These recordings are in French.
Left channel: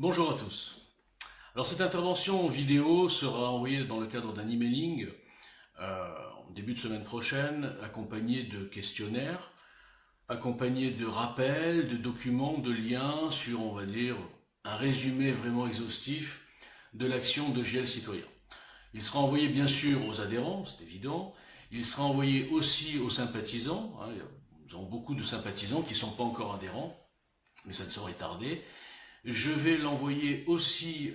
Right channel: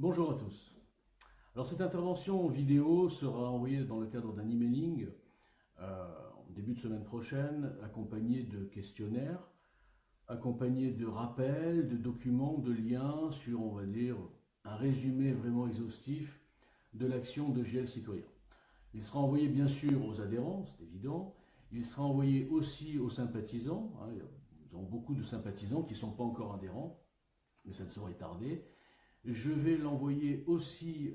Bonjour à tous. Alors cette intervention vidéo sera envoyée dans le cadre d'un emailing en début de semaine prochaine, accompagné de questionnaires, accompagné de rappels, de documents, de liens sur, on va dire, un résumé vraiment exhaustif de l'action de GL Citoyen. Il sera envoyé bien sûr aux adhérents, c'est évident. Il sera envoyé aussi aux sympathisants. Nous avons beaucoup de sympathisants qui ne sont pas encore adhérents, mais ça ne saurait tarder. Je vais l'envoyer aussi,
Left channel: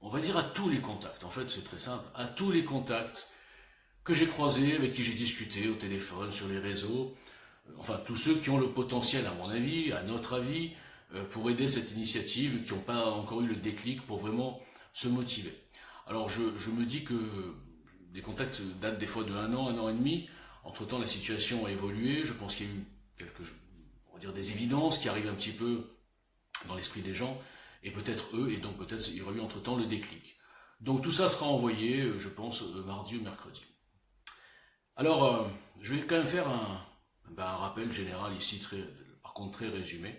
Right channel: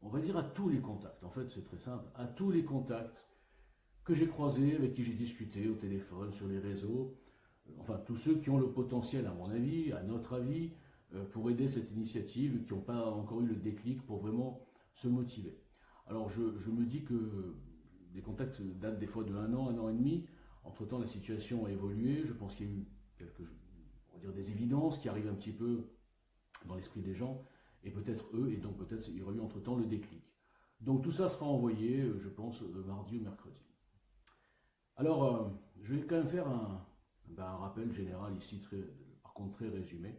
on va dire, à tous les contacts. En fait, c'est très simple. À tous les contacts que j'ai croisés, avec qui j'ai discuté au téléphone, sur les réseaux. Enfin, tous ceux qui ont le potentiel, à mon avis, à notre avis, pour aider cette initiative, qui n'ont pas encore eu le déclic pour vraiment se motiver. Alors, je me dis que les contacts datent des fois de un an et demi. Entre-temps, la situation a évolué. Je pense qu'il y a eu quelques, on va dire, des évidences qui arrivent un petit peu dans l'esprit des gens, et peut-être eux, et donc peut-être il y aura eu entre-temps le déclic. Donc tout ça sera envoyé, je pense, mardi ou mercredi. Alors, je vais quand même faire un rappel général ici, par contre très résumé.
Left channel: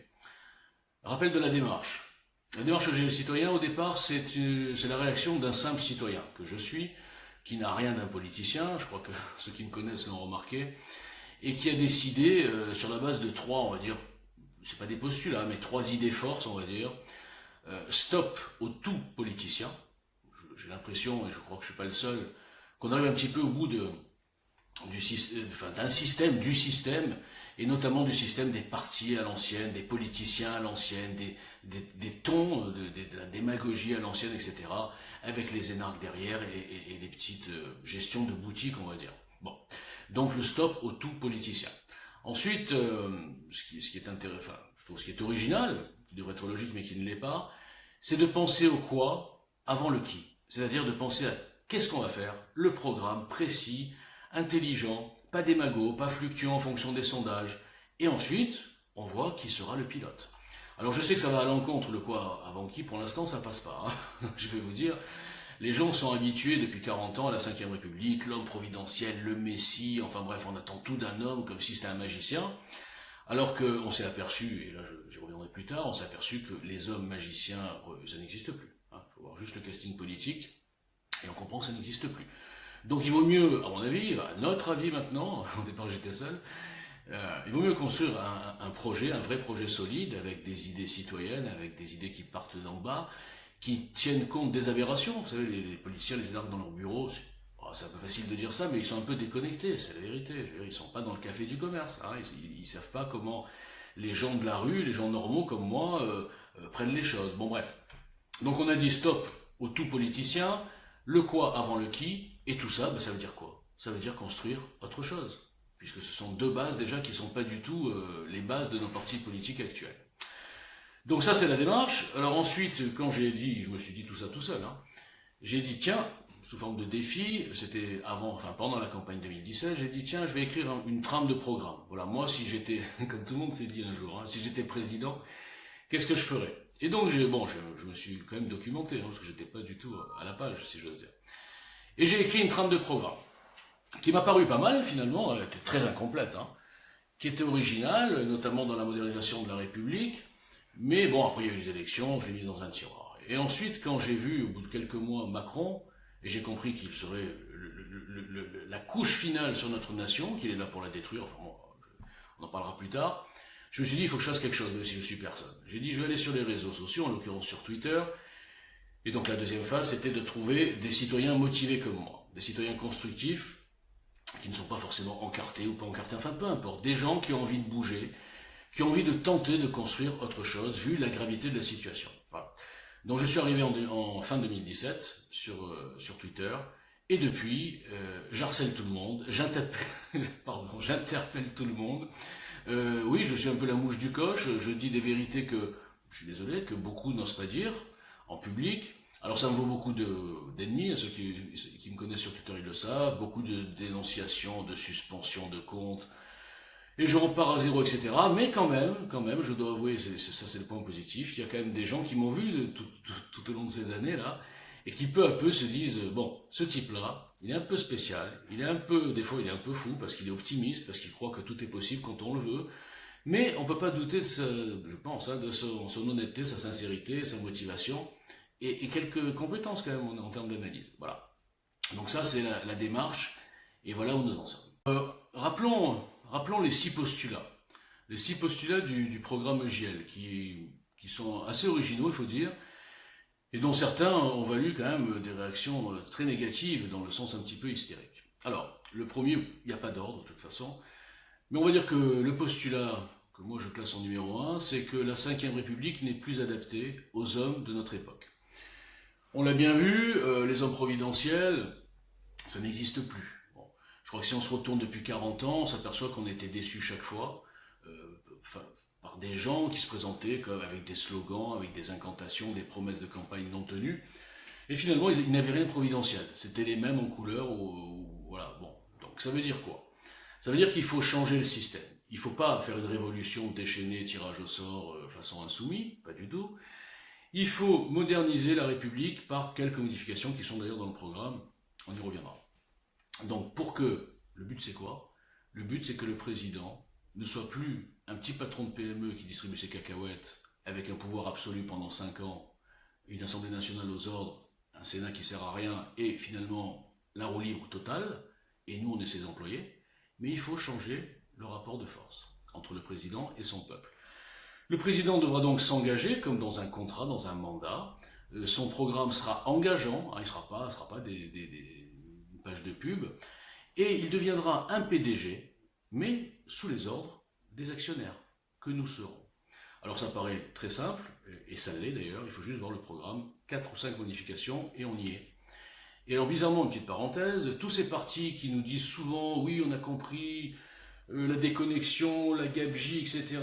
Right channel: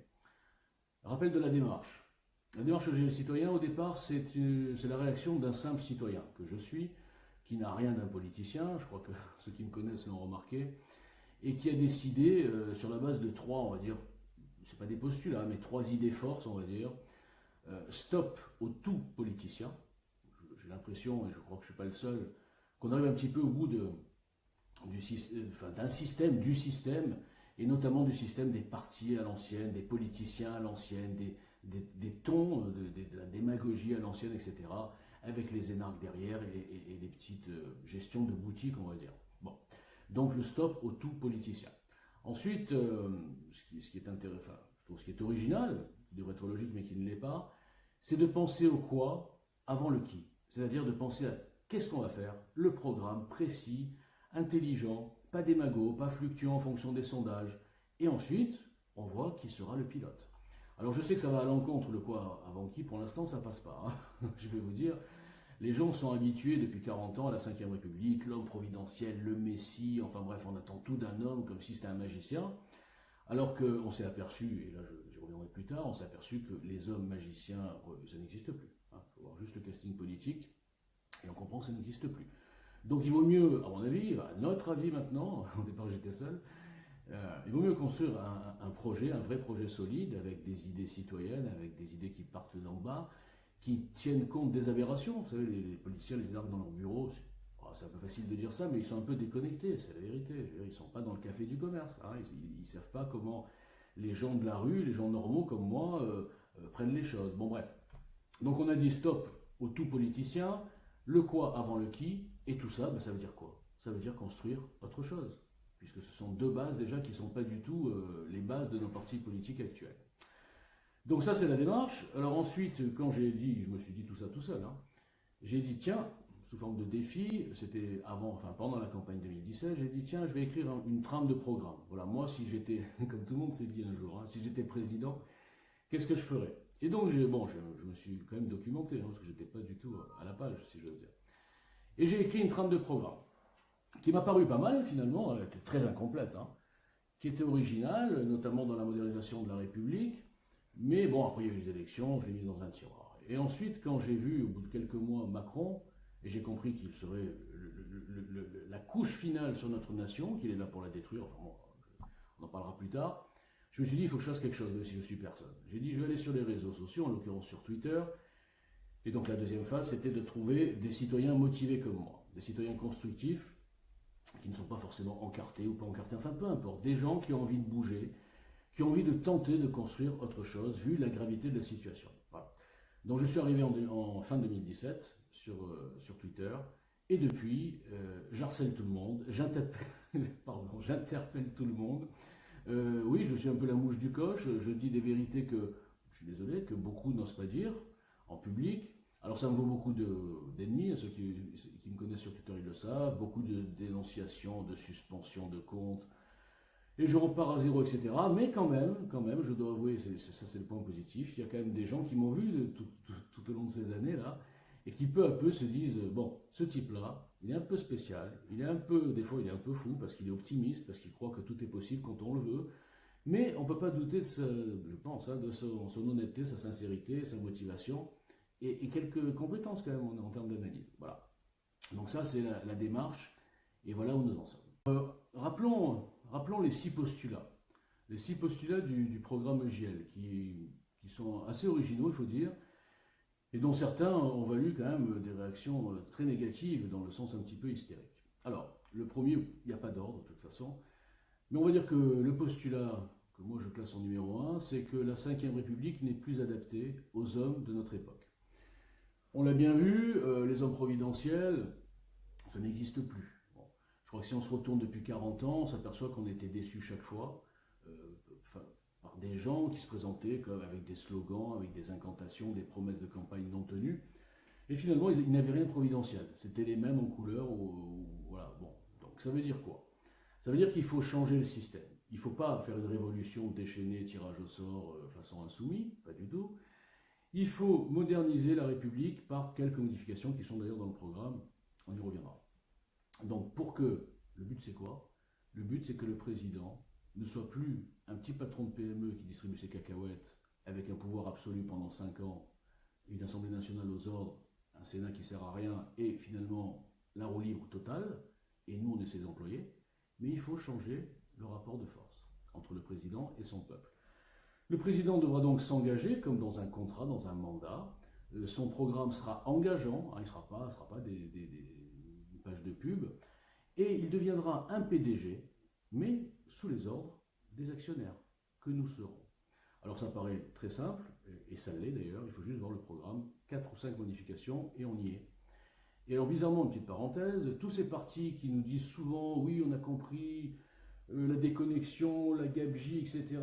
Rappel de la démarche. La démarche OGL Citoyen, au départ, c'est la réaction d'un simple citoyen que je suis, qui n'a rien d'un politicien, je crois que ceux qui me connaissent l'ont remarqué, et qui a décidé, sur la base de trois, on va dire, c'est pas des postulats, mais trois idées forces, on va dire. Stop au tout politicien. J'ai l'impression, et je crois que je suis pas le seul, qu'on arrive un petit peu au bout d'un système, du système, et notamment du système des partis à l'ancienne, des politiciens à l'ancienne, des tons, de la démagogie à l'ancienne, etc., avec les énarques derrière et les petites gestions de boutiques, on va dire. Bon. Donc le stop au tout politicien. Ensuite, ce qui est intéressant, enfin, je trouve ce qui est original, qui devrait être logique mais qui ne l'est pas, c'est de penser au quoi avant le qui. C'est-à-dire de penser à qu'est-ce qu'on va faire, le programme précis, intelligent, pas démago, pas fluctuant en fonction des sondages. Et ensuite, on voit qui sera le pilote. Alors je sais que ça va à l'encontre, le quoi avant qui, pour l'instant ça passe pas. Hein. Je vais vous dire, les gens sont habitués depuis 40 ans à la Ve République, l'homme providentiel, le messie, enfin bref, on attend tout d'un homme comme si c'était un magicien. Alors qu'on s'est aperçu, et là j'y reviendrai plus tard, on s'est aperçu que les hommes magiciens, ça n'existe plus. Il faut voir juste le casting politique, et on comprend que ça n'existe plus. Donc il vaut mieux, à mon avis, à notre avis maintenant, au départ j'étais seul, il vaut mieux construire un projet, un vrai projet solide, avec des idées citoyennes, avec des idées qui partent d'en bas, qui tiennent compte des aberrations. Vous savez, les policiers les énarques dans leur bureau, c'est un peu facile de dire ça, mais ils sont un peu déconnectés, c'est la vérité. Ils ne sont pas dans le café du commerce. Hein. Ils ne savent pas comment les gens de la rue, les gens normaux comme moi, prennent les choses. Bon, bref. Donc on a dit stop au tout politicien, le quoi avant le qui, et tout ça, ça veut dire quoi? Ça veut dire construire autre chose. Puisque ce sont deux bases déjà qui ne sont pas du tout les bases de nos partis politiques actuels. Donc ça c'est la démarche. Alors ensuite, quand j'ai dit, je me suis dit tout ça tout seul, hein, j'ai dit tiens, sous forme de défi, c'était pendant la campagne 2017, j'ai dit tiens, je vais écrire une trame de programme. Voilà, moi si j'étais, comme tout le monde s'est dit un jour, hein, si j'étais président, qu'est-ce que je ferais? Et donc je me suis quand même documenté, hein, parce que j'étais pas du tout à la page, si j'ose dire. Et j'ai écrit une trame de programme, qui m'a paru pas mal finalement, elle était très incomplète, hein, qui était originale, notamment dans la modernisation de la République, mais bon, après il y a eu les élections, je l'ai mise dans un tiroir. Et ensuite, quand j'ai vu, au bout de quelques mois, Macron, et j'ai compris qu'il serait la couche finale sur notre nation, qu'il est là pour la détruire, enfin bon, on en parlera plus tard, je me suis dit, il faut que je fasse quelque chose, même si je suis personne. J'ai dit, je vais aller sur les réseaux sociaux, en l'occurrence sur Twitter, et donc la deuxième phase, c'était de trouver des citoyens motivés comme moi, des citoyens constructifs, qui ne sont pas forcément encartés ou pas encartés, enfin peu importe, des gens qui ont envie de bouger, qui ont envie de tenter de construire autre chose, vu la gravité de la situation. Voilà. Donc je suis arrivé en fin 2017 sur Twitter, et depuis, j'harcèle tout le monde, j'interpelle tout le monde. Oui, je suis un peu la mouche du coche, je dis des vérités que, je suis désolé, que beaucoup n'osent pas dire en public. Alors ça me vaut beaucoup d'ennemis, ceux qui me connaissent sur Twitter ils le savent, beaucoup de dénonciations, de suspensions de comptes, et je repars à zéro, etc. Mais quand même, je dois avouer, ça c'est le point positif, il y a quand même des gens qui m'ont vu tout au long de ces années-là, et qui peu à peu se disent, bon, ce type-là, il est un peu spécial, des fois il est un peu fou, parce qu'il est optimiste, parce qu'il croit que tout est possible quand on le veut, Mais on ne peut pas douter, je pense, de son honnêteté, sa sincérité, sa motivation, et quelques compétences quand même en termes d'analyse. Voilà. Donc ça, c'est la démarche, et voilà où nous en sommes. Rappelons les 6 postulats. Les 6 postulats du programme EJL, qui sont assez originaux, il faut dire, et dont certains ont valu quand même des réactions très négatives, dans le sens un petit peu hystérique. Alors, le premier, il n'y a pas d'ordre de toute façon, mais on va dire que le postulat que moi je classe en numéro 1, c'est que la Ve République n'est plus adaptée aux hommes de notre époque. On l'a bien vu, les hommes providentiels, ça n'existe plus. Bon, je crois que si on se retourne depuis 40 ans, on s'aperçoit qu'on était déçus chaque fois, par des gens qui se présentaient comme avec des slogans, avec des incantations, des promesses de campagne non tenues, et finalement ils n'avaient rien de providentiel. C'était les mêmes en couleur, voilà. Bon, donc ça veut dire quoi? Ça veut dire qu'il faut changer le système. Il ne faut pas faire une révolution déchaînée, tirage au sort, façon insoumis, pas du tout. Il faut moderniser la République par quelques modifications qui sont d'ailleurs dans le programme, on y reviendra. Donc le but c'est quoi? Le but c'est que le président ne soit plus un petit patron de PME qui distribue ses cacahuètes avec un pouvoir absolu pendant 5 ans, une Assemblée nationale aux ordres, un Sénat qui sert à rien et finalement la roue libre totale, et nous on est ses employés, mais il faut changer le rapport de force entre le président et son peuple. Le président devra donc s'engager, comme dans un contrat, dans un mandat. Son programme sera engageant, il ne sera pas une page de pub, et il deviendra un PDG, mais sous les ordres des actionnaires, que nous serons. Alors ça paraît très simple, et ça l'est d'ailleurs, il faut juste voir le programme, 4 ou 5 modifications, et on y est. Et alors bizarrement, une petite parenthèse, tous ces partis qui nous disent souvent, oui on a compris, la déconnexion, la gabegie, etc.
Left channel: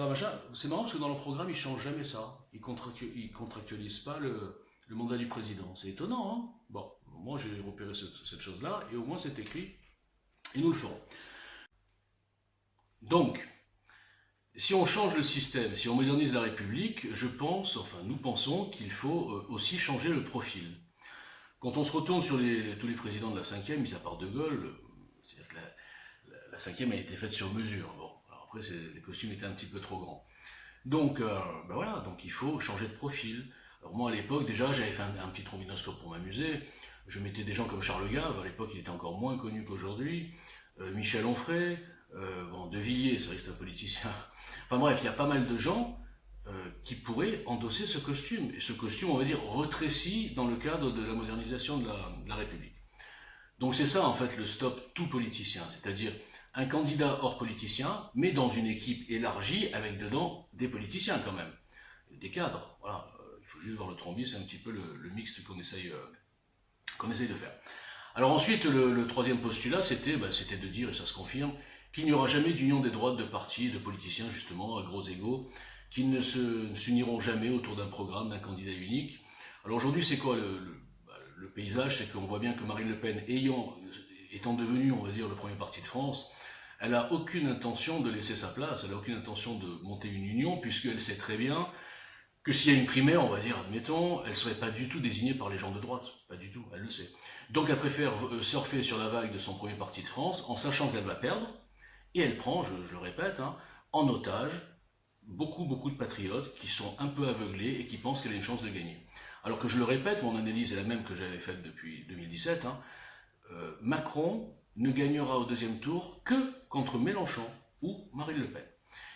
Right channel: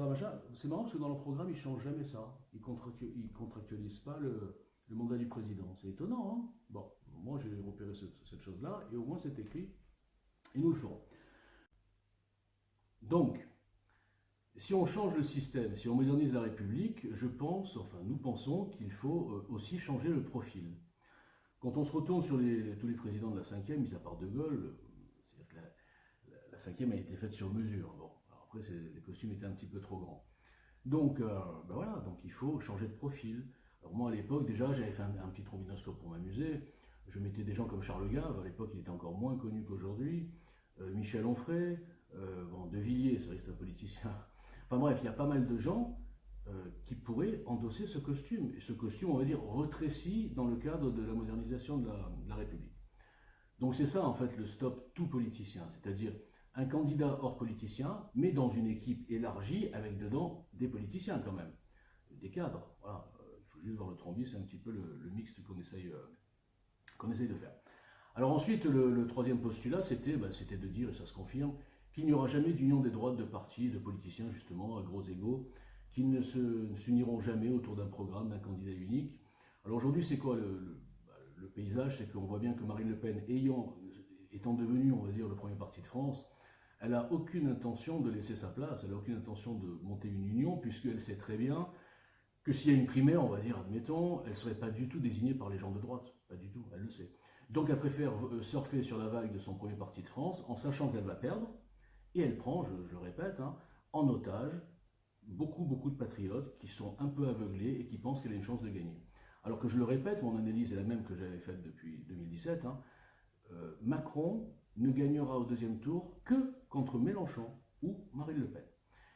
C'est marrant parce que dans le programme, ils ne changent jamais ça. Ils ne contractualisent pas le mandat du président. C'est étonnant, hein? Bon, moi j'ai repéré cette chose-là, et au moins c'est écrit, et nous le ferons. Donc, si on change le système, si on modernise la République, nous pensons qu'il faut aussi changer le profil. Quand on se retourne sur tous les présidents de la Ve, mis à part De Gaulle, c'est-à-dire que la Ve a été faite sur mesure. Bon, alors après, les costumes étaient un petit peu trop grands. Donc, voilà, donc il faut changer de profil. Alors moi, à l'époque, déjà, j'avais fait un petit trombinoscope pour m'amuser. Je mettais des gens comme Charles Gave, à l'époque, il était encore moins connu qu'aujourd'hui. Michel Onfray, De Villiers, c'est vrai que c'est un politicien. Enfin bref, il y a pas mal de gens qui pourraient endosser ce costume. Et ce costume, on va dire, rétréci dans le cadre de la modernisation de la République. Donc c'est ça, en fait, le stop tout politicien, c'est-à-dire un candidat hors politicien, mais dans une équipe élargie, avec dedans des politiciens quand même, des cadres. Voilà, il faut juste voir le trombier, c'est un petit peu le mixte qu'on essaye de faire. Alors ensuite, le troisième postulat, c'était de dire, et ça se confirme, qu'il n'y aura jamais d'union des droites de partis et de politiciens, justement, à gros égaux, qui ne s'uniront jamais autour d'un programme, d'un candidat unique. Alors aujourd'hui, c'est quoi le paysage? C'est qu'on voit bien que Marine Le Pen, étant devenue, on va dire, le premier parti de France, elle n'a aucune intention de laisser sa place, elle n'a aucune intention de monter une union, puisqu'elle sait très bien que s'il y a une primaire, on va dire, admettons, elle ne serait pas du tout désignée par les gens de droite. Pas du tout, elle le sait. Donc elle préfère surfer sur la vague de son premier parti de France, en sachant qu'elle va perdre, et elle prend, je le répète, en otage, beaucoup de patriotes qui sont un peu aveuglés et qui pensent qu'elle a une chance de gagner. Alors que je le répète, mon analyse est la même que j'avais faite depuis 2017, Macron ne gagnera au deuxième tour que contre Mélenchon ou Marine Le Pen.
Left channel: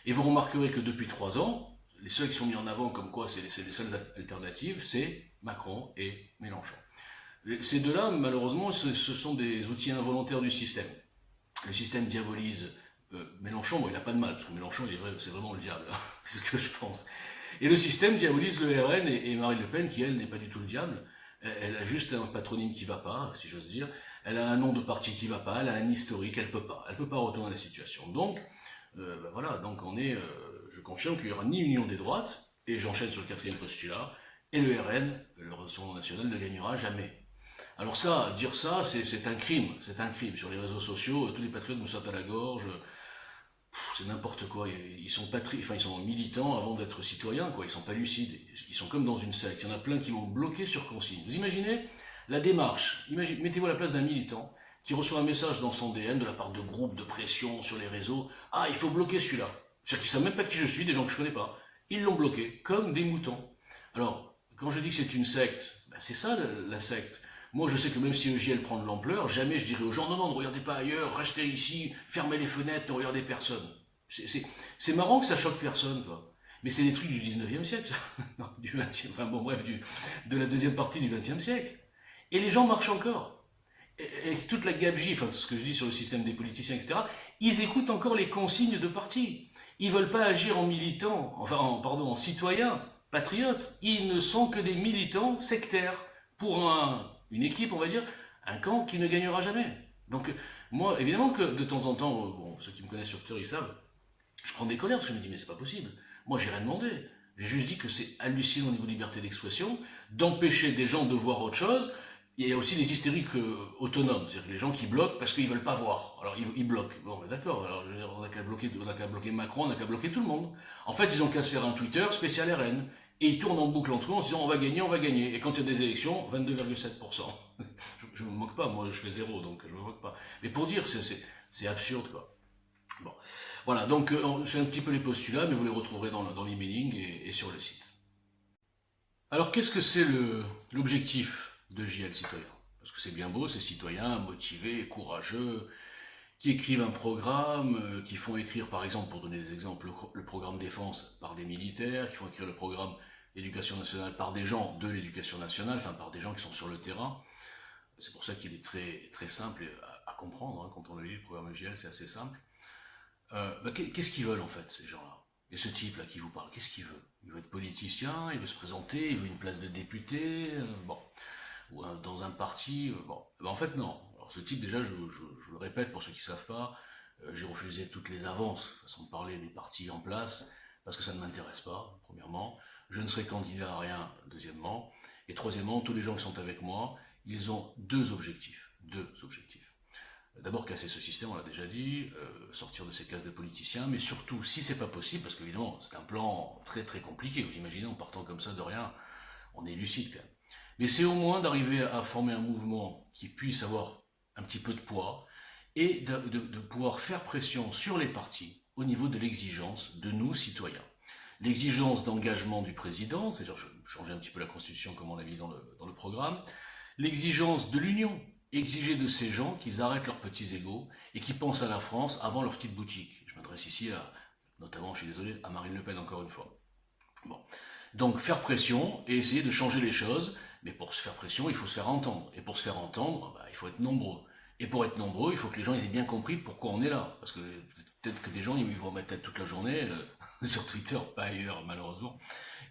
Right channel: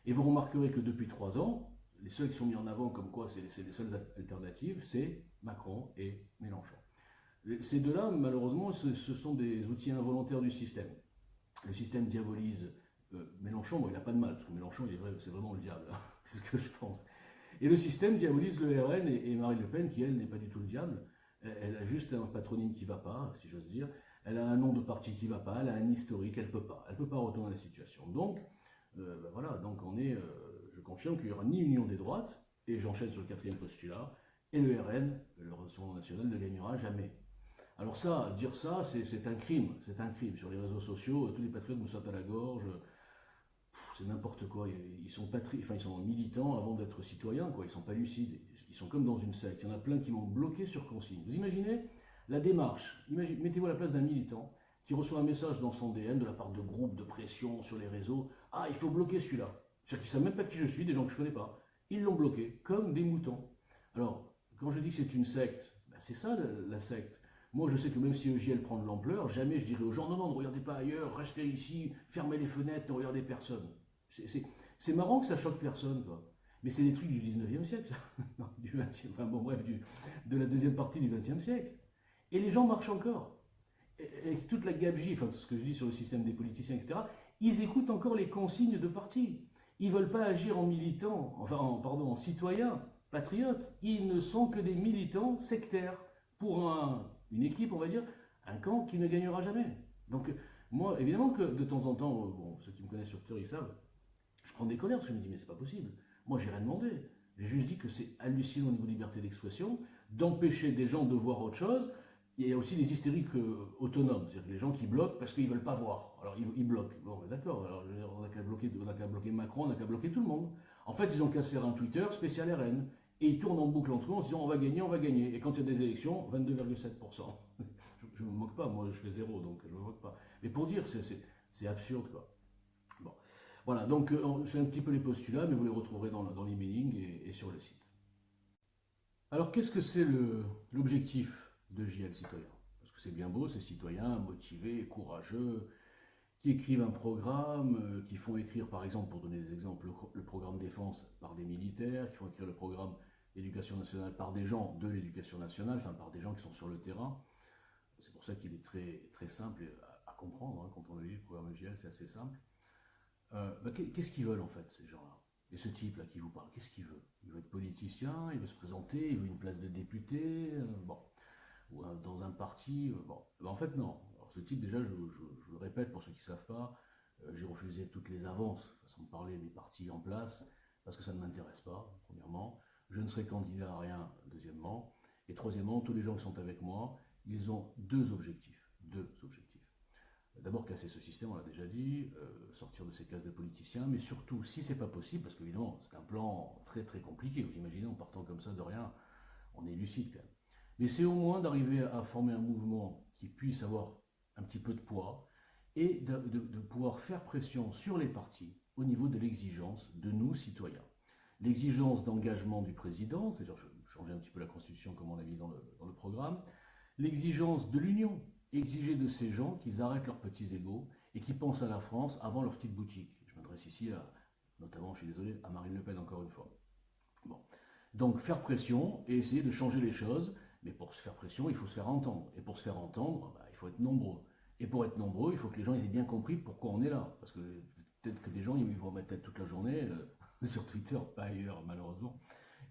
Et vous remarquerez que depuis 3 ans, les seuls qui sont mis en avant comme quoi c'est les seules alternatives, c'est Macron et Mélenchon. Ces deux-là, malheureusement, ce sont des outils involontaires du système. Le système diabolise Mélenchon, il n'a pas de mal, parce que Mélenchon, c'est vraiment le diable, c'est ce que je pense. Et le système diabolise le RN et Marine Le Pen, qui elle n'est pas du tout le diable. Elle a juste un patronyme qui ne va pas, si j'ose dire. Elle a un nom de parti qui ne va pas, elle a un historique, elle ne peut pas retourner la situation. Donc, voilà, donc je confirme qu'il n'y aura ni union des droites, et j'enchaîne sur le 4e postulat, et le RN, le Rassemblement National, ne gagnera jamais. Alors ça, dire ça, c'est un crime, Sur les réseaux sociaux, tous les patriotes me sautent à la gorge, c'est n'importe quoi. Ils sont militants avant d'être citoyens, quoi. Ils sont pas lucides. Ils sont comme dans une secte. Il y en a plein qui m'ont bloqué sur consigne. Vous imaginez la démarche? Mettez-vous à la place d'un militant qui reçoit un message dans son DM de la part de groupes de pression sur les réseaux. Ah, il faut bloquer celui-là. C'est-à-dire qu'ils ne savent même pas qui je suis, des gens que je ne connais pas. Ils l'ont bloqué, comme des moutons. Alors, quand je dis que c'est une secte, ben c'est ça la secte. Moi, je sais que même si EJL prend de l'ampleur, jamais je dirais aux gens, non, non, ne regardez pas ailleurs, restez ici, fermez les fenêtres, ne regardez personne. C'est marrant que ça choque personne, quoi. Mais c'est des trucs du 19e siècle, du 20e, enfin bon, bref, de la deuxième partie du 20e siècle. Et les gens marchent encore. Et toute la gabegie, enfin, ce que je dis sur le système des politiciens, etc., ils écoutent encore les consignes de parti. Ils ne veulent pas agir en militants, enfin, en citoyens, patriotes. Ils ne sont que des militants sectaires pour une équipe, on va dire, un camp qui ne gagnera jamais. Donc, moi, évidemment que de temps en temps, bon, ceux qui me connaissent sur Twitter, ils savent, je prends des colères parce que je me dis, mais c'est pas possible. Moi, j'ai rien demandé. J'ai juste dit que c'est hallucinant au niveau de liberté d'expression, d'empêcher des gens de voir autre chose. Il y a aussi les hystériques autonomes, c'est-à-dire les gens qui bloquent parce qu'ils ne veulent pas voir. Alors ils bloquent. Bon, ben d'accord, alors on n'a qu'à bloquer Macron, on n'a qu'à bloquer tout le monde. En fait, ils ont qu'à se faire un Twitter spécial RN. Et ils tournent en boucle entre eux en se disant on va gagner, on va gagner. Et quand il y a des élections, 22,7%. Je ne me moque pas, moi je fais zéro, donc je ne me moque pas. Mais pour dire, c'est absurde, quoi. Bon. Voilà, donc c'est un petit peu les postulats, mais vous les retrouverez dans l'emailing et sur le site. Alors qu'est-ce que c'est l'objectif de JL Citoyen? Parce que c'est bien beau, ces citoyens motivés, courageux, qui écrivent un programme, qui font écrire par exemple, pour donner des exemples, le programme défense par des militaires, qui font écrire le programme éducation nationale par des gens de l'éducation nationale, enfin par des gens qui sont sur le terrain. C'est pour ça qu'il est très, très simple à comprendre, hein, quand on lit le programme JL, c'est assez simple. Qu'est-ce qu'ils veulent en fait, ces gens-là? Et ce type-là qui vous parle, qu'est-ce qu'il veut? Il veut être politicien, il veut se présenter, il veut une place de député, bon, ou dans un parti, bon. En fait, non. Alors ce type, déjà, je le répète pour ceux qui ne savent pas, j'ai refusé toutes les avances, façon de parler des partis en place, parce que ça ne m'intéresse pas, premièrement. Je ne serai candidat à rien, deuxièmement. Et troisièmement, tous les gens qui sont avec moi, ils ont deux objectifs. Deux objectifs. D'abord casser ce système, on l'a déjà dit, sortir de ces cases de politiciens, mais surtout, si c'est pas possible, parce qu'évidemment, c'est un plan très très compliqué, vous imaginez, en partant comme ça de rien, on est lucide quand même. Mais c'est au moins d'arriver à former un mouvement qui puisse avoir un petit peu de poids et de pouvoir faire pression sur les partis au niveau de l'exigence de nous, citoyens. L'exigence d'engagement du président, c'est-à-dire changer un petit peu la constitution comme on l'a mis dans le programme, l'exigence de l'union, exiger de ces gens qu'ils arrêtent leurs petits égos et qui pensent à la France avant leur petite boutique. Je m'adresse ici notamment, je suis désolé, à Marine Le Pen encore une fois. Bon. Donc faire pression et essayer de changer les choses, mais pour se faire pression, il faut se faire entendre. Et pour se faire entendre, il faut être nombreux. Et pour être nombreux, il faut que les gens aient bien compris pourquoi on est là. Parce que peut-être que des gens, ils vont mettre tête toute la journée, sur Twitter, pas ailleurs malheureusement.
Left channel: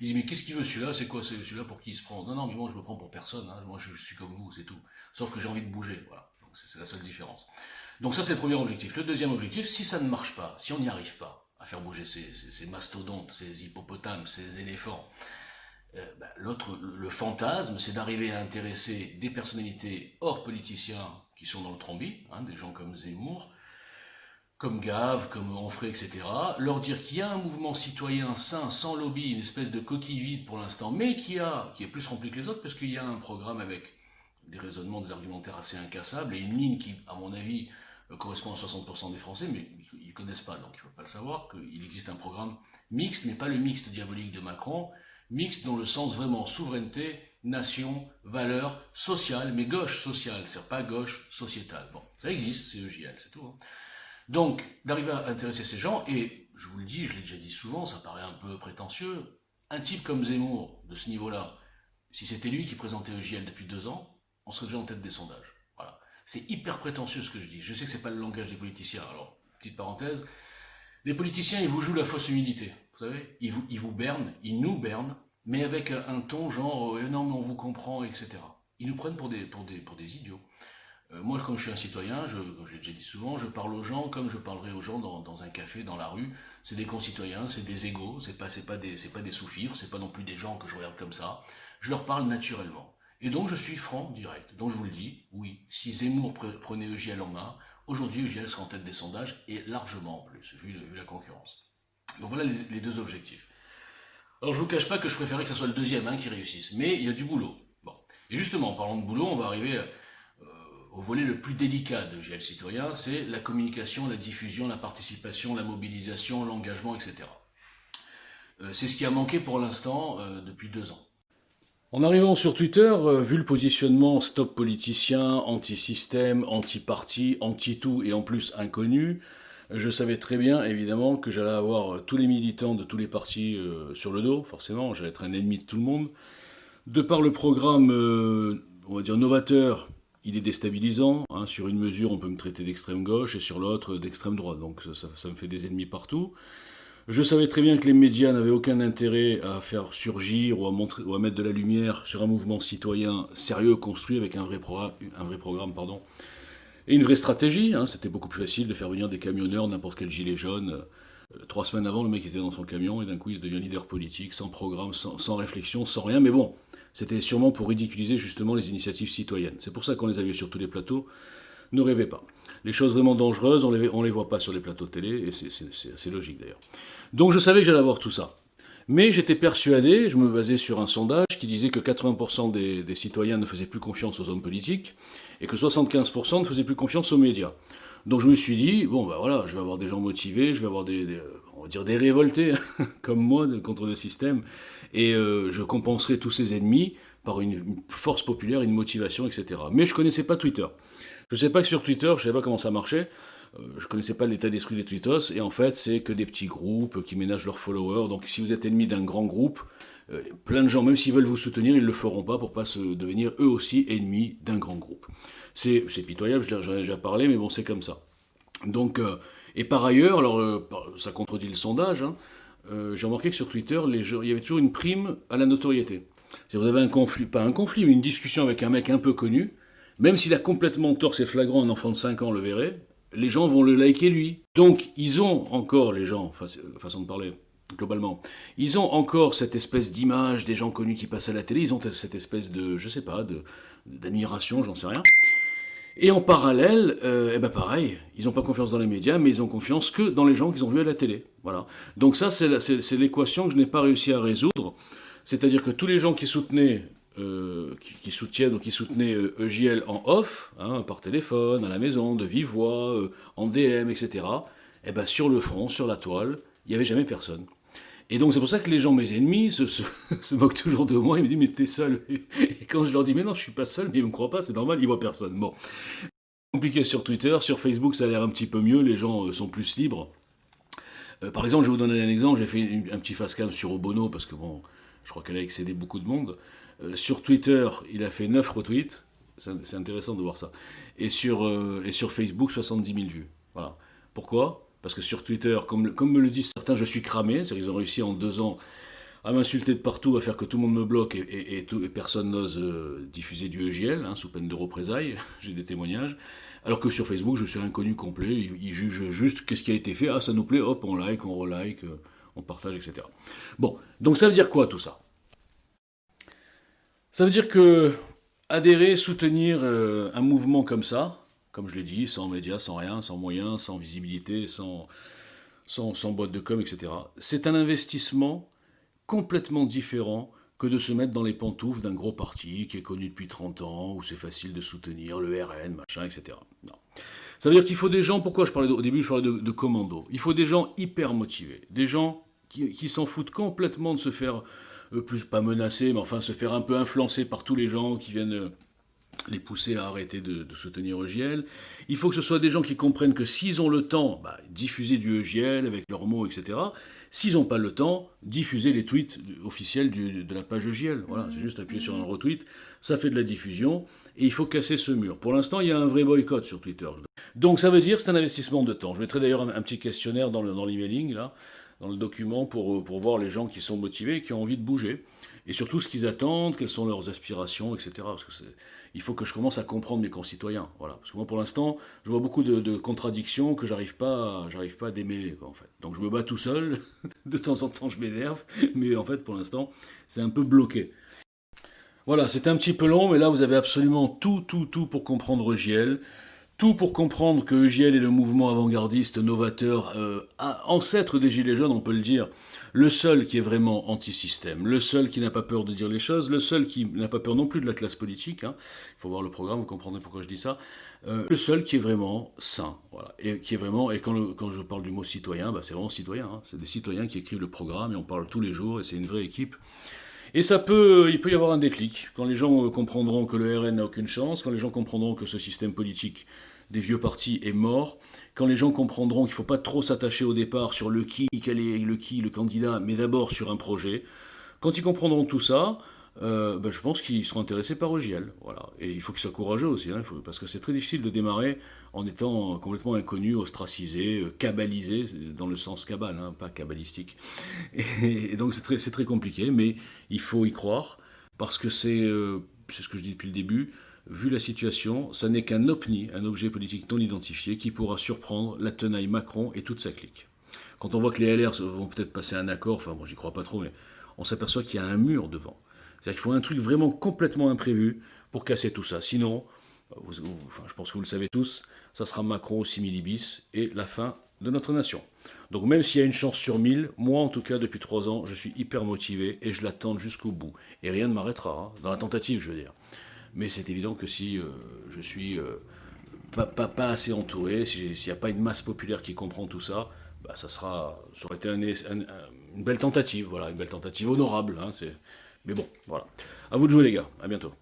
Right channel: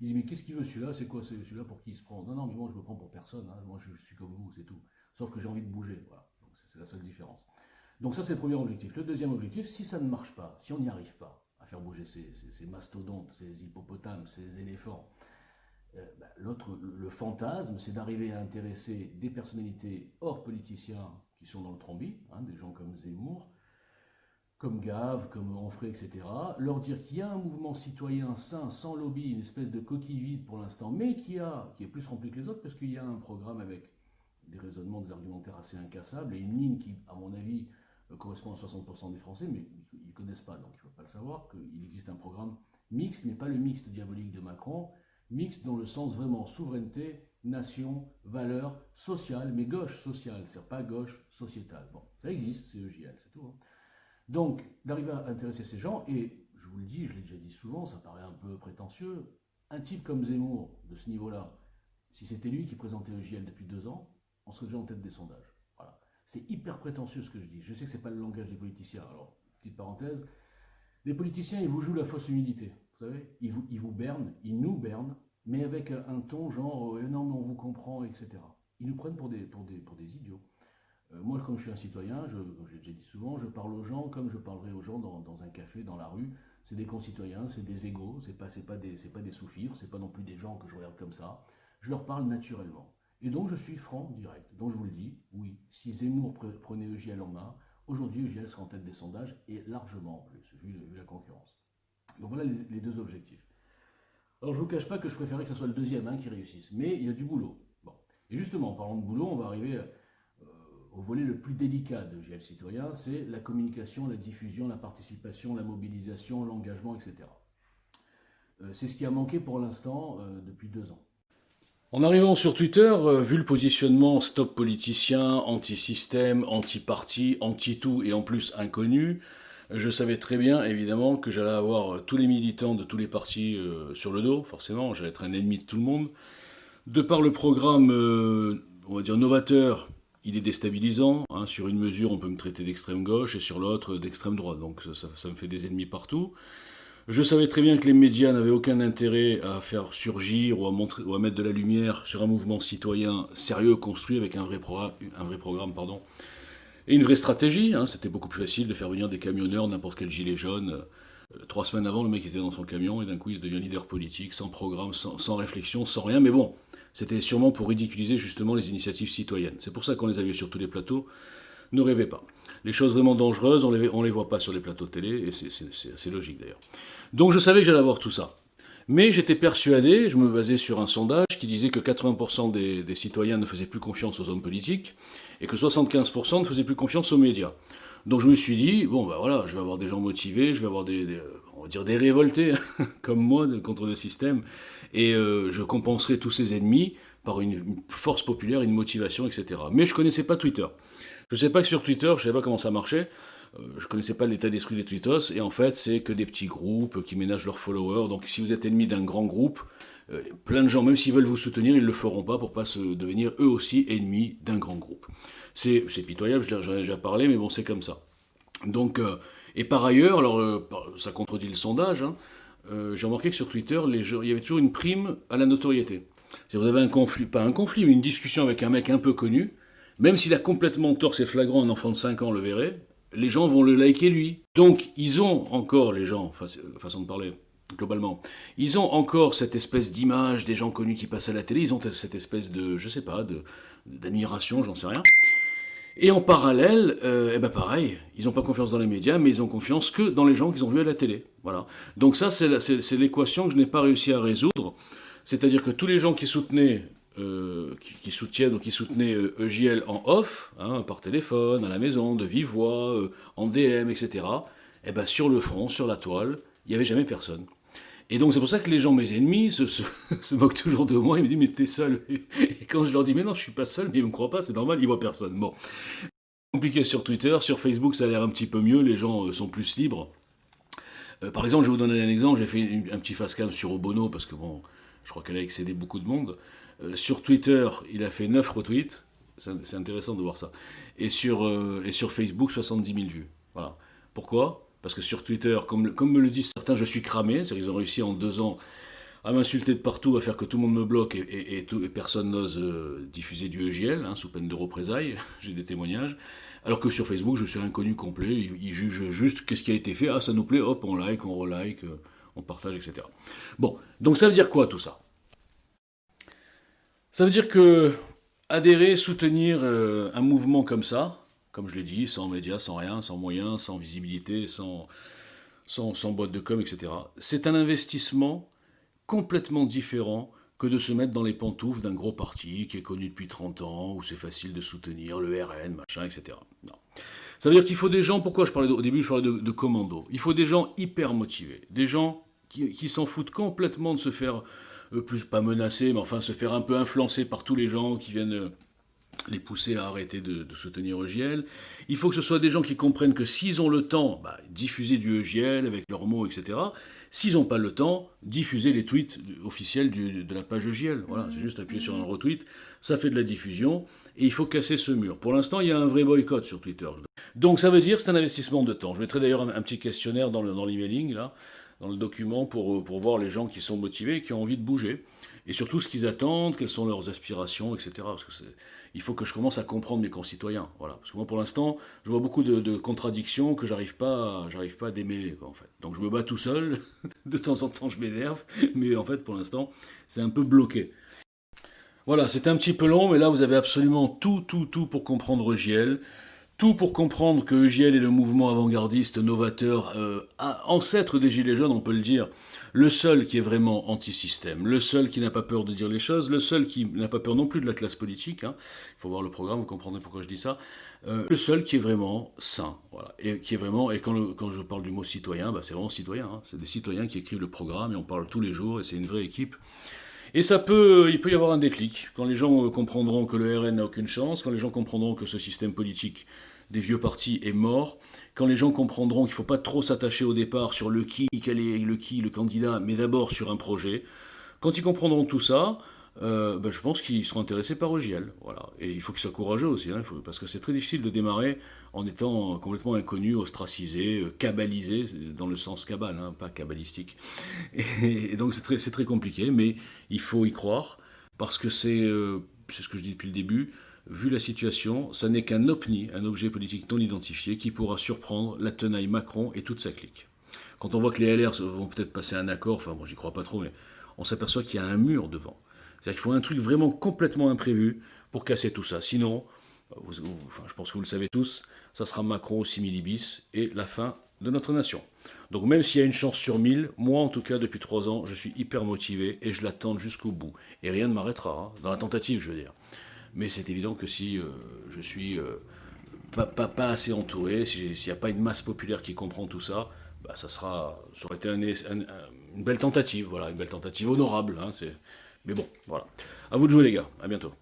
Ils disent mais qu'est-ce qu'il veut celui-là? C'est quoi celui-là pour qui il se prend? Non, non, mais moi je me prends pour personne, hein. Moi je suis comme vous, c'est tout. Sauf que j'ai envie de bouger, voilà. Donc c'est la seule différence. Donc ça c'est le premier objectif. Le deuxième objectif, si ça ne marche pas, si on n'y arrive pas à faire bouger ces mastodontes, ces hippopotames, ces éléphants, le fantasme, c'est d'arriver à intéresser des personnalités hors politiciens qui sont dans le trombi, hein, des gens comme Zemmour, comme Gave, comme Onfray, etc., leur dire qu'il y a un mouvement citoyen sain, sans lobby, une espèce de coquille vide pour l'instant, mais qui est plus rempli que les autres, parce qu'il y a un programme avec des raisonnements, des argumentaires assez incassables, et une ligne qui, à mon avis, correspond à 60% des Français, mais ils ne connaissent pas, donc il ne faut pas le savoir, qu'il existe un programme mixte, mais pas le mixte diabolique de Macron, mixte dans le sens vraiment souveraineté, nation, valeurs, sociale, mais gauche sociale, c'est pas gauche sociétale. Bon, ça existe, c'est EJL, c'est tout. Hein. Donc, d'arriver à intéresser ces gens, et je vous le dis, je l'ai déjà dit souvent, ça paraît un peu prétentieux, un type comme Zemmour, de ce niveau-là, si c'était lui qui présentait EJL depuis 2 ans, on serait déjà en tête des sondages. Voilà. C'est hyper prétentieux ce que je dis. Je sais que c'est pas le langage des politiciens. Alors, petite parenthèse, les politiciens, ils vous jouent la fausse humilité. Vous savez, ils vous bernent, ils nous bernent, mais avec un ton genre non mais on vous comprend, etc. Ils nous prennent pour des idiots. Moi, comme je suis un citoyen, je l'ai déjà dit souvent, je parle aux gens comme je parlerai aux gens dans un café, dans la rue. C'est des concitoyens, c'est des égaux, c'est pas des sous-fifres, c'est pas non plus des gens que je regarde comme ça. Je leur parle naturellement. Et donc je suis franc, direct. Donc je vous le dis, oui, si Zemmour prenait EJL en main, aujourd'hui EJL serait en tête des sondages, et largement en plus, vu la concurrence. Donc voilà les deux objectifs. Alors je vous cache pas que je préférais que ce soit le deuxième qui réussisse, mais il y a du boulot. Bon. Et justement, en parlant de boulot, on va arriver au volet le plus délicat de GL Citoyen, c'est la communication, la diffusion, la participation, la mobilisation, l'engagement, etc. C'est ce qui a manqué pour l'instant depuis 2 ans. En arrivant sur Twitter, vu le positionnement stop politicien, anti-système, anti-parti, anti-tout et en plus inconnu, je savais très bien évidemment que j'allais avoir tous les militants de tous les partis sur le dos, forcément, j'allais être un ennemi de tout le monde. De par le programme, on va dire novateur, il est déstabilisant. Hein. Sur une mesure, on peut me traiter d'extrême gauche et sur l'autre d'extrême droite. Donc ça me fait des ennemis partout. Je savais très bien que les médias n'avaient aucun intérêt à faire surgir ou à mettre de la lumière sur un mouvement citoyen sérieux, construit avec un vrai programme, et une vraie stratégie. Hein. C'était beaucoup plus facile de faire venir des camionneurs, n'importe quel gilet jaune. 3 semaines avant, le mec était dans son camion et d'un coup il devient leader politique, sans programme, sans réflexion, sans rien. Mais bon, c'était sûrement pour ridiculiser justement les initiatives citoyennes. C'est pour ça qu'on les a vues sur tous les plateaux. Ne rêvez pas. Les choses vraiment dangereuses, on les voit pas sur les plateaux de télé, et c'est assez logique d'ailleurs. Donc je savais que j'allais avoir tout ça. Mais j'étais persuadé, je me basais sur un sondage qui disait que 80% des citoyens ne faisaient plus confiance aux hommes politiques, et que 75% ne faisaient plus confiance aux médias. Donc je me suis dit, bon ben voilà, je vais avoir des gens motivés, je vais avoir on va dire des révoltés, comme moi, contre le système, et je compenserai tous ces ennemis par une force populaire, une motivation, etc. Mais je connaissais pas Twitter. Je ne sais pas que sur Twitter, je ne savais pas comment ça marchait, je ne connaissais pas l'état d'esprit des tweetos, et en fait, c'est que des petits groupes qui ménagent leurs followers. Donc si vous êtes ennemi d'un grand groupe, plein de gens, même s'ils veulent vous soutenir, ils ne le feront pas pour pas se devenir eux aussi ennemis d'un grand groupe. C'est pitoyable, j'en ai déjà parlé, mais bon, c'est comme ça. Donc, et par ailleurs, alors ça contredit le sondage, hein, j'ai remarqué que sur Twitter, il y avait toujours une prime à la notoriété. Si vous avez un conflit, pas un conflit, mais une discussion avec un mec un peu connu, même s'il a complètement tort, c'est flagrant, un enfant de 5 ans le verrait, les gens vont le liker lui. Donc, ils ont encore, les gens, façon de parler, globalement, ils ont encore cette espèce d'image des gens connus qui passent à la télé, ils ont cette espèce de, je sais pas, d'admiration, j'en sais rien. Et en parallèle, pareil, ils n'ont pas confiance dans les médias, mais ils ont confiance que dans les gens qu'ils ont vus à la télé. Voilà. Donc ça, c'est l'équation que je n'ai pas réussi à résoudre. C'est-à-dire que tous les gens qui soutenaient qui soutenaient EJL en off, hein, par téléphone, à la maison, de vive voix, en DM, etc., sur le front, sur la toile, il n'y avait jamais personne. Et donc c'est pour ça que les gens, mes ennemis, se moquent toujours de moi, ils me disent « mais t'es seul ». Et quand je leur dis « mais non, je suis pas seul », mais ils me croient pas, c'est normal, ils voient personne. Bon. Compliqué sur Twitter, sur Facebook ça a l'air un petit peu mieux, les gens sont plus libres. Par exemple, je vais vous donner un exemple, j'ai fait un petit face-cam sur Obono, parce que bon, je crois qu'elle a excédé beaucoup de monde. Sur Twitter, il a fait 9 retweets, c'est intéressant de voir ça. Et sur Facebook, 70 000 vues. Voilà. Pourquoi ? Parce que sur Twitter, comme me le disent certains, je suis cramé, c'est-à-dire qu'ils ont réussi en 2 ans à m'insulter de partout, à faire que tout le monde me bloque et personne n'ose diffuser du EJL, hein, sous peine de représailles, j'ai des témoignages. Alors que sur Facebook, je suis inconnu complet, ils jugent juste qu'est-ce qui a été fait, ah ça nous plaît, hop, on like, on relike, on partage, etc. Bon, donc ça veut dire quoi tout ça ? Ça veut dire que adhérer, soutenir un mouvement comme ça, comme je l'ai dit, sans médias, sans rien, sans moyens, sans visibilité, sans boîte de com, etc., c'est un investissement complètement différent que de se mettre dans les pantoufles d'un gros parti qui est connu depuis 30 ans, où c'est facile de soutenir le RN, machin, etc. Non. Ça veut dire qu'il faut des gens, pourquoi au début je parlais de commando, il faut des gens hyper motivés, des gens qui s'en foutent complètement de se faire, plus pas menacer, mais enfin se faire un peu influencer par tous les gens qui viennent les pousser à arrêter de soutenir EJL. Il faut que ce soit des gens qui comprennent que s'ils ont le temps, diffuser du EJL avec leurs mots, etc. S'ils n'ont pas le temps, diffuser les tweets officiels de la page EJL. Voilà, c'est juste appuyer sur un retweet, ça fait de la diffusion, et il faut casser ce mur. Pour l'instant, il y a un vrai boycott sur Twitter. Donc ça veut dire que c'est un investissement de temps. Je mettrai d'ailleurs un petit questionnaire dans l'emailing, là, dans le document, pour voir les gens qui sont motivés et qui ont envie de bouger. Et surtout ce qu'ils attendent, quelles sont leurs aspirations, etc. Parce que il faut que je commence à comprendre mes concitoyens. Voilà. Parce que moi, pour l'instant, je vois beaucoup de contradictions que j'arrive pas à démêler, quoi, en fait. Donc je me bats tout seul, de temps en temps je m'énerve, mais en fait, pour l'instant, c'est un peu bloqué. Voilà, c'était un petit peu long, mais là, vous avez absolument tout pour comprendre EJL. Tout pour comprendre que EJL est le mouvement avant-gardiste, novateur, ancêtre des Gilets jaunes, on peut le dire, le seul qui est vraiment anti-système, le seul qui n'a pas peur de dire les choses, le seul qui n'a pas peur non plus de la classe politique, hein. Il faut voir le programme, vous comprendrez pourquoi je dis ça, le seul qui est vraiment sain, voilà, et qui est vraiment, et quand je parle du mot citoyen, bah c'est vraiment citoyen, hein. C'est des citoyens qui écrivent le programme et on parle tous les jours et c'est une vraie équipe. Et il peut y avoir un déclic, quand les gens comprendront que le RN n'a aucune chance, quand les gens comprendront que ce système politique des vieux partis est mort, quand les gens comprendront qu'il ne faut pas trop s'attacher au départ sur le qui, quel est le candidat, mais d'abord sur un projet, quand ils comprendront tout ça, je pense qu'ils seront intéressés par EJL. Voilà. Et il faut qu'ils soient courageux aussi, hein, parce que c'est très difficile de démarrer en étant complètement inconnu, ostracisé, cabalisé, dans le sens cabale, hein, pas cabalistique. Et donc c'est très compliqué, mais il faut y croire, parce que c'est ce que je dis depuis le début, vu la situation, ça n'est qu'un OPNI, un objet politique non identifié, qui pourra surprendre la tenaille Macron et toute sa clique. Quand on voit que les LR vont peut-être passer un accord, enfin bon j'y crois pas trop, mais on s'aperçoit qu'il y a un mur devant. C'est-à-dire qu'il faut un truc vraiment complètement imprévu pour casser tout ça. Sinon, je pense que vous le savez tous, ça sera Macron au similibus et la fin de notre nation. Donc même s'il y a une chance sur 1000, moi en tout cas depuis 3 ans, je suis hyper motivé et je l'attends jusqu'au bout. Et rien ne m'arrêtera, hein, dans la tentative je veux dire. Mais c'est évident que si je suis pas assez entouré, s'il n'y a pas une masse populaire qui comprend tout ça, bah ça aurait été une belle tentative, voilà, une belle tentative honorable. Hein, mais bon, voilà. À vous de jouer les gars, à bientôt.